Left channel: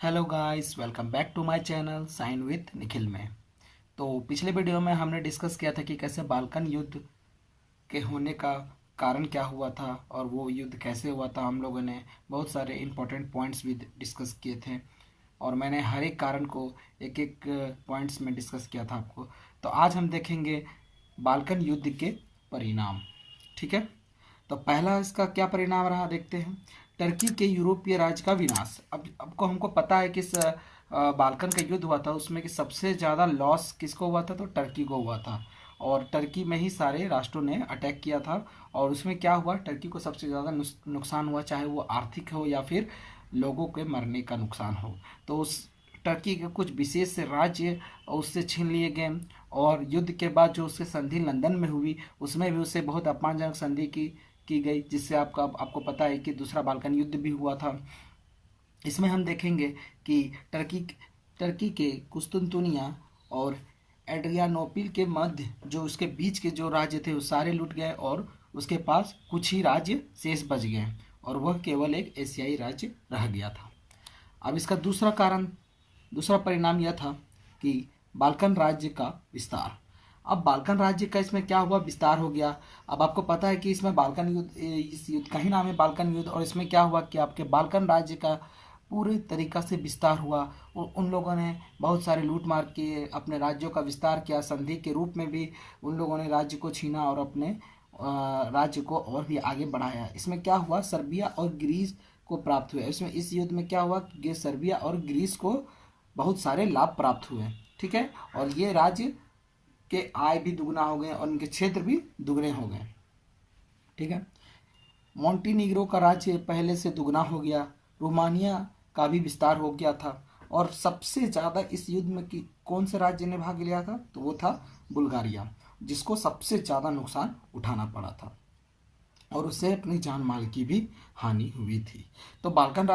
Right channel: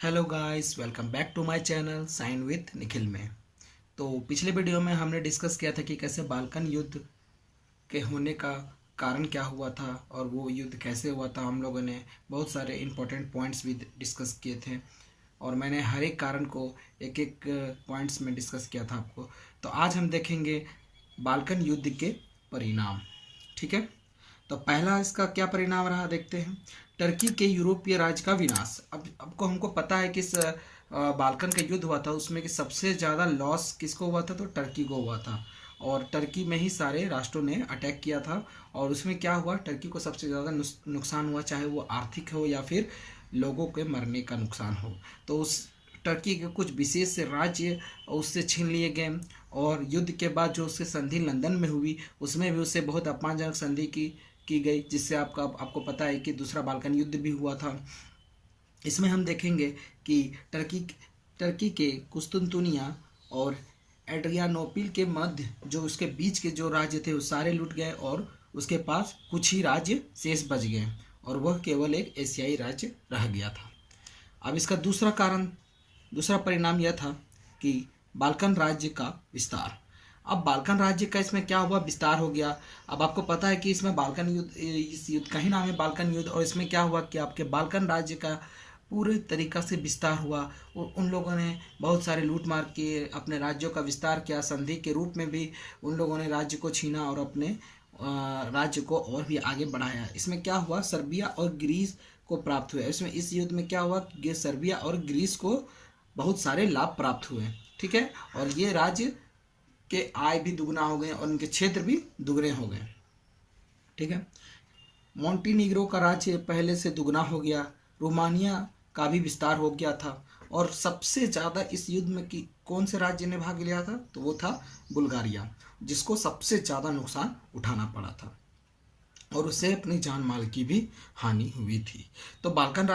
Hello guys, welcome back to my channel sign with Nikhil में। तो पिछले वीडियो में हमने डिस्कस किया था कि कैसे बाल्कन युद्ध के होने का कारण क्या हुआ था और वो युद्ध कैसे हुआ था। हम लोगों ने बहुत सारे इम्पोर्टेंट पॉइंट्स भी डिस्कस किए थे और मैंने हर एक कारण को एक एक पॉइंट्स में डिस्कस किया था आपको। तो आज हम देखेंगे बाल्कन युद्ध के परिणाम। ठीक है, तो पहला इसका क्या परिणाम रहा देखते हैं। टर्की के यूरोपीय राज्य का विनाश। अब आपको हमको पता है कि इस बाल्कन का युद्ध हुआ था उसमें कि सबसे ज़्यादा लॉस किसको हुआ था, तो टर्की को हुआ था। और टर्की में ही सारे राष्ट्रों ने अटैक किया था और उसमें क्या हुआ, टर्की को सबसे ज़्यादा नुकसान हुआ, चाहे वो आर्थिक हो या फिर लोगों के मरने का नुकसान हो। तो उस टर्की के कुछ विशेष राज्य उससे छीन लिए गए और युद्ध के बाद जो उससे संधि लंदन में हुई उसमें भी उससे बहुत अपमानजनक संधि की गई, जिससे आपको पता है कि दूसरा बाल्कन युद्ध भी हुआ था। इसमें हम देखेंगे कि टर्की के कुस्तुनतुनिया और एड्रियानोपिल के मध्य जो उसके बीच के जो राज्य थे वो सारे लूट गए और उसके पास कुछ ही राज्य शेष बच गए और वह केवल एक एशियाई राज्य रह गया था। अब इसका दूसरा परिणाम यह था कि बाल्कन राज्य का विस्तार। अब बाल्कन राज्य का इसमें क्या हुआ, विस्तार हो गया। अब आपको पता है कि इसमें बाल्कन युद्ध, इस युद्ध का ही नाम है बाल्कन युद्ध। और इसमें क्या हुआ कि आपके बाल्कन राज्य का पूरे तरीका से विस्तार हुआ। उन लोगों ने बहुत सारे लूट मार किए, अपने राज्यों का विस्तार किया, संधि के रूप में भी उन लोगों ने राज्य को छीना और अपने राज्य को और भी आगे बढ़ाया। इसमें क्या हुआ, सर्बिया और ग्रीस को प्राप्त हुए। इसमें इस युद्ध में क्या हुआ कि सर्बिया और ग्रीस को बहुत सारे लाभ प्राप्त हुए। ठीक है, और ये राज्य के आय भी दुगना हो गए और उनके क्षेत्र भी दुगने हो गए। ठीक है, मोंटीनीग्रो का राज्य पहले से दुगना हो गया, रोमानिया का भी विस्तार हो गया था। और सबसे ज़्यादा इस युद्ध में कि कौन से राज्य ने भाग लिया था, तो वो था बुल्गारिया, जिसको सबसे ज़्यादा नुकसान उठाना पड़ा था और उससे अपनी जान माल की भी हानि हुई थी। तो बाल्कन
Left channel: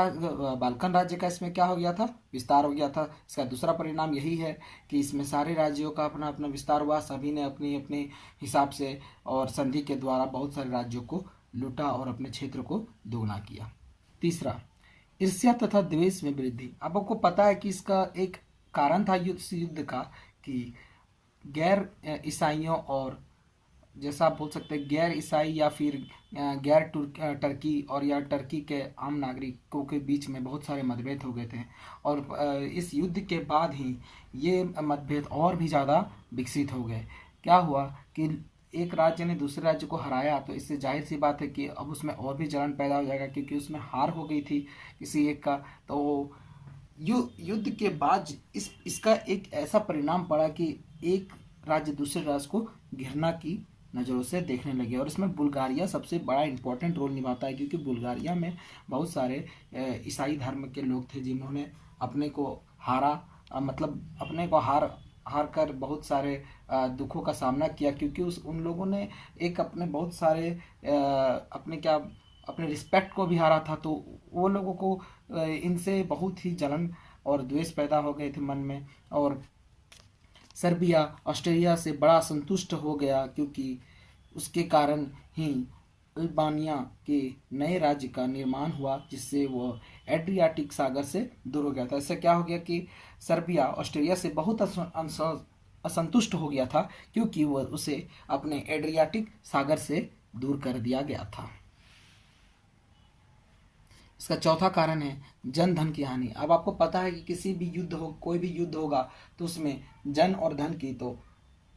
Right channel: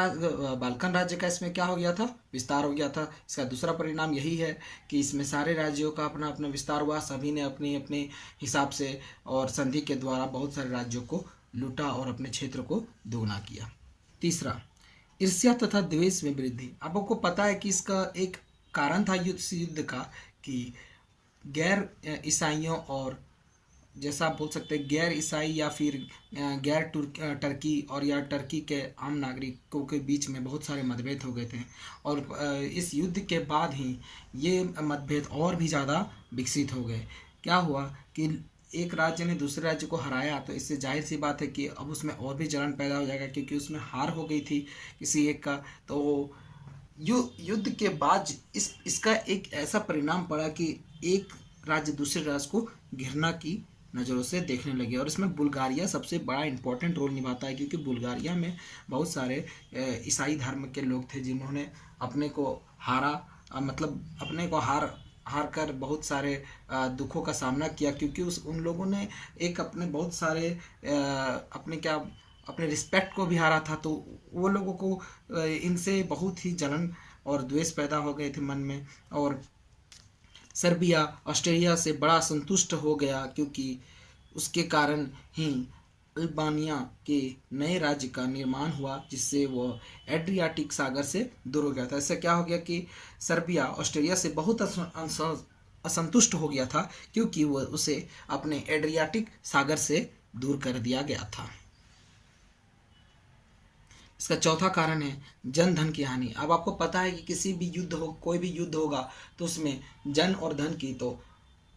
राज्य का इसमें क्या हो गया था, विस्तार हो गया था। इसका दूसरा परिणाम यही है कि इसमें सारे राज्यों का अपना अपना विस्तार हुआ, सभी ने अपनी अपनी हिसाब से और संधि के द्वारा बहुत सारे राज्यों को लूटा और अपने क्षेत्र को दोगुना किया। तीसरा, ईर्ष्या तथा द्वेष में वृद्धि। अब आपको पता है कि इसका एक कारण था युद्ध का कि गैर ईसाइयों और जैसा आप बोल सकते हैं गैर ईसाई या फिर गैर टर्की और या टर्की के आम नागरिकों के बीच में बहुत सारे मतभेद हो गए थे। और इस युद्ध के बाद ही ये मतभेद और भी ज़्यादा विकसित हो गए। क्या हुआ कि एक राज्य ने दूसरे राज्य को हराया, तो इससे जाहिर सी बात है कि अब उसमें और भी जलन पैदा हो जाएगा, क्योंकि उसमें हार हो गई थी किसी एक का। तो युद्ध के बाद इसका एक ऐसा परिणाम पड़ा कि एक राज्य दूसरे राज्य को घृणा की नज़रों से देखने लगे। और इसमें बुल्गारिया सबसे बड़ा इंपॉर्टेंट रोल निभाता है, क्योंकि बुल्गारिया में बहुत सारे ईसाई धर्म के लोग थे जिन्होंने अपने को हारा, मतलब अपने को हार कर बहुत सारे दुखों का सामना किया, क्योंकि उन लोगों ने एक अपने बहुत सारे अपने रिस्पेक्ट को भी हारा था। तो वो लोगों को इनसे बहुत ही जलन और द्वेष पैदा हो गए थे मन में। और सर्बिया ऑस्ट्रेलिया से बड़ा संतुष्ट हो गया, क्योंकि उसके कारण ही अल्बानिया के नए राज्य का निर्माण हुआ, जिससे वो एड्रियाटिक सागर से दूर हो गया था। इससे क्या हो गया कि सर्बिया ऑस्ट्रेलिया से बहुत असंतुष्ट हो गया था, क्योंकि वो उसे अपने एड्रियाटिक सागर से दूर कर दिया गया था। इसका चौथा कारण है जन धन की हानि। अब आपको पता है कि किसी भी युद्ध हो, कोई भी युद्ध होगा तो उसमें जन और धन की तो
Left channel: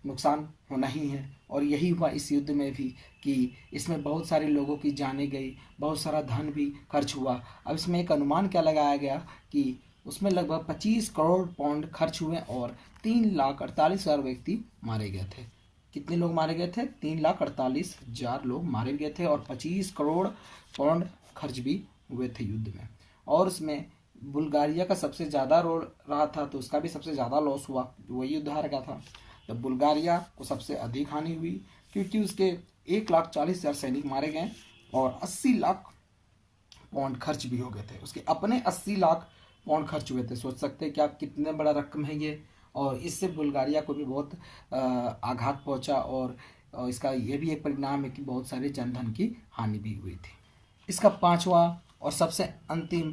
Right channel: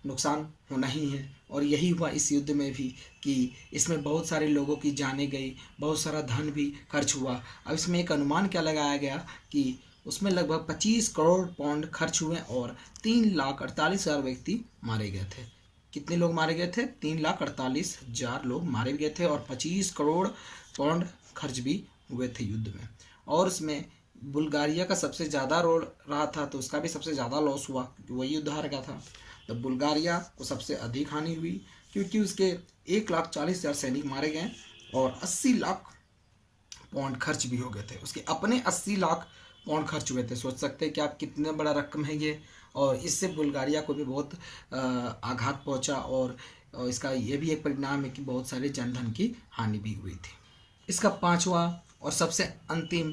नुकसान होना ही है। और यही हुआ इस युद्ध में भी कि इसमें बहुत सारे लोगों की जानें गई, बहुत सारा धन भी खर्च हुआ। अब इसमें एक अनुमान क्या लगाया गया कि उसमें लगभग 25 करोड़ पाउंड खर्च हुए और 3,48,000 व्यक्ति मारे गए थे। कितने लोग मारे गए थे, 3,48,000 लोग मारे गए थे और 25 करोड़ पाउंड खर्च भी हुए थे युद्ध में। और उसमें बुल्गारिया का सबसे ज़्यादा रोल रहा था, तो उसका भी सबसे ज़्यादा लॉस हुआ क्योंकि वही युद्ध हार गया था। तो बुल्गारिया को सबसे अधिक हानि हुई, क्योंकि उसके 1,40,000 सैनिक मारे गए और 80 लाख पाउंड खर्च भी हो गए थे। उसके अपने 80 लाख पाउंड खर्च हुए थे। सोच सकते हैं कि आप कितने बड़ा रकम है ये। और इससे बुल्गारिया को भी बहुत आघात पहुंचा और इसका ये भी एक परिणाम है कि बहुत सारे जनधन की हानि भी हुई थी। इसका पांचवा और सबसे अंतिम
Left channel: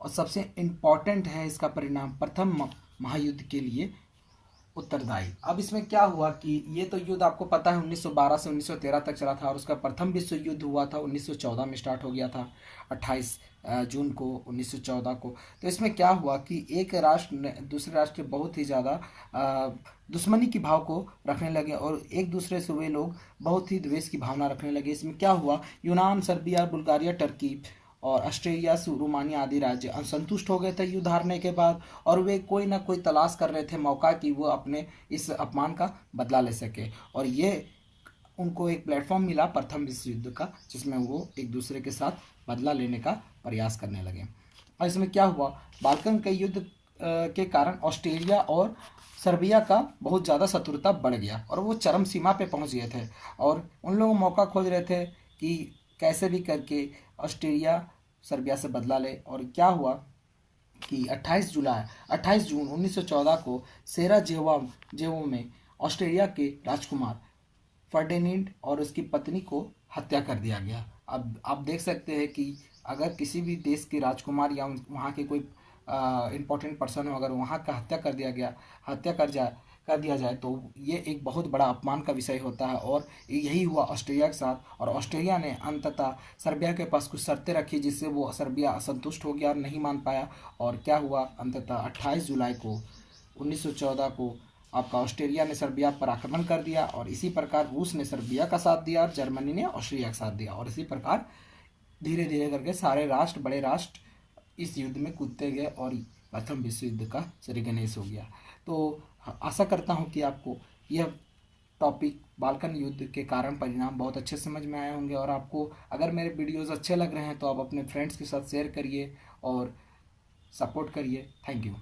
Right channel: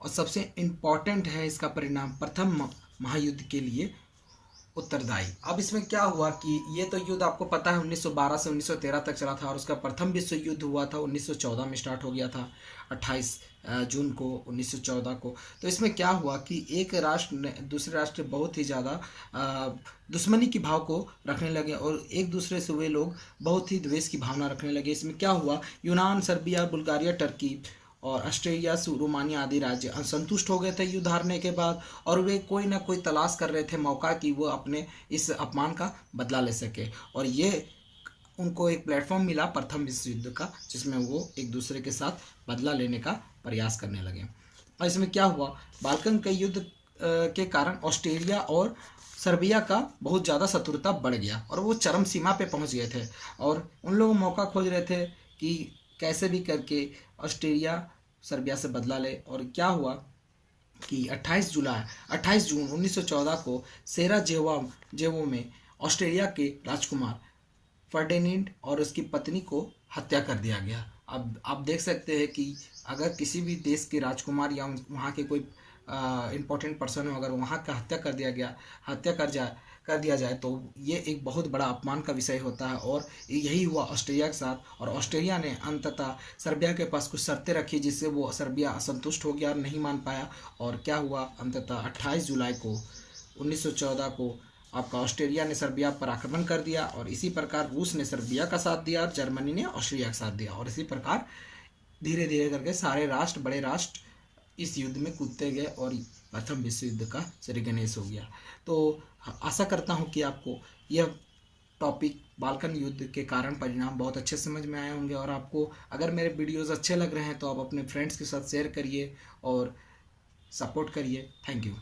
और सबसे इम्पॉर्टेंट है इसका परिणाम प्रथम महायुद्ध के लिए उत्तरदायी। अब इसमें क्या हुआ कि ये तो युद्ध आपको पता है 1912 से 1913 तक चला था और उसका प्रथम विश्व युद्ध हुआ था 1914 में स्टार्ट हो गया था 28 जून को 1914 को। तो इसमें क्या हुआ कि एक राष्ट्र ने दूसरे राष्ट्र बहुत ही ज़्यादा दुश्मनी की भाव को रखने लगे और एक दूसरे से वे लोग बहुत ही द्वेष की भावना रखने लगे। इसमें क्या हुआ, यूनान, सर्बिया, बुल्गारिया, टर्की और ऑस्ट्रेलिया, रोमानिया आदि राज्य असंतुष्ट हो गए थे युद्ध हारने के बाद और वे कोई ना कोई तलाश कर रहे थे मौका कि वो अपने इस अपमान का बदला ले सके। और ये उनको एक प्लेटफॉर्म मिला प्रथम विश्व युद्ध का, जिसमें वो एक दूसरे के साथ बदला लेने का प्रयास करने लगे। और इसमें क्या हुआ, बाल्कन के युद्ध के कारण ऑस्ट्रेलिया और सर्बिया का बहुत ज़्यादा शत्रुता बढ़ गया और वो चरम सीमा पे पहुंच गए थे और उन लोग मौका खोज रहे थे कि कैसे भी करके ऑस्ट्रेलिया सर्बिया से बदला ले। और क्या हुआ कि 28 जून 1914 को सेराजेवो में ऑस्ट्रेलिया के राजकुमार फर्डिनेंड और उसकी पत्नी को हत्या कर दिया गया। अब आप देख सकते हैं कि अगर किसी भी देश के राजकुमार या वहाँ के कोई इम्पोर्टेंट पर्सन हो, अगर वहाँ का हत्या कर दिया जाए तो ये एक बहुत बड़ा अपमान का विषय होता है। और यही हुआ ऑस्ट्रेलिया के साथ और ऑस्ट्रेलिया ने अंततः सर्बिया के पास कुछ शर्तें रखी जिससे वो सर्बिया असंतुष्ट हो गया और नहीं मान पाया। और क्या हुआ, अंततः 28 जुलाई को 1914 को आपका ऑस्ट्रेलिया ने सर्बिया पर आक्रमण कर दिया और इसी प्रकार रूस ने सर्बिया का साथ दिया और जर्मनी ने ऑस्ट्रेलिया का साथ दिया और इसी प्रकार धीरे धीरे करके सारे बड़े राष्ट्र इस युद्ध में कूदते गए और प्रथम विश्व युद्ध का श्रीगणेश हो गया। तो आशा करता हूँ कि आपको यह टॉपिक बाल्कन युद्ध के कारण परिणाम बहुत अच्छे समझ में आए होंगे और आपको अगर मेरे वीडियोज़ अच्छे लग रहे हैं तो आप अपने फ्रेंड्स के साथ शेयर करिए और सपोर्ट करिए। Thank you.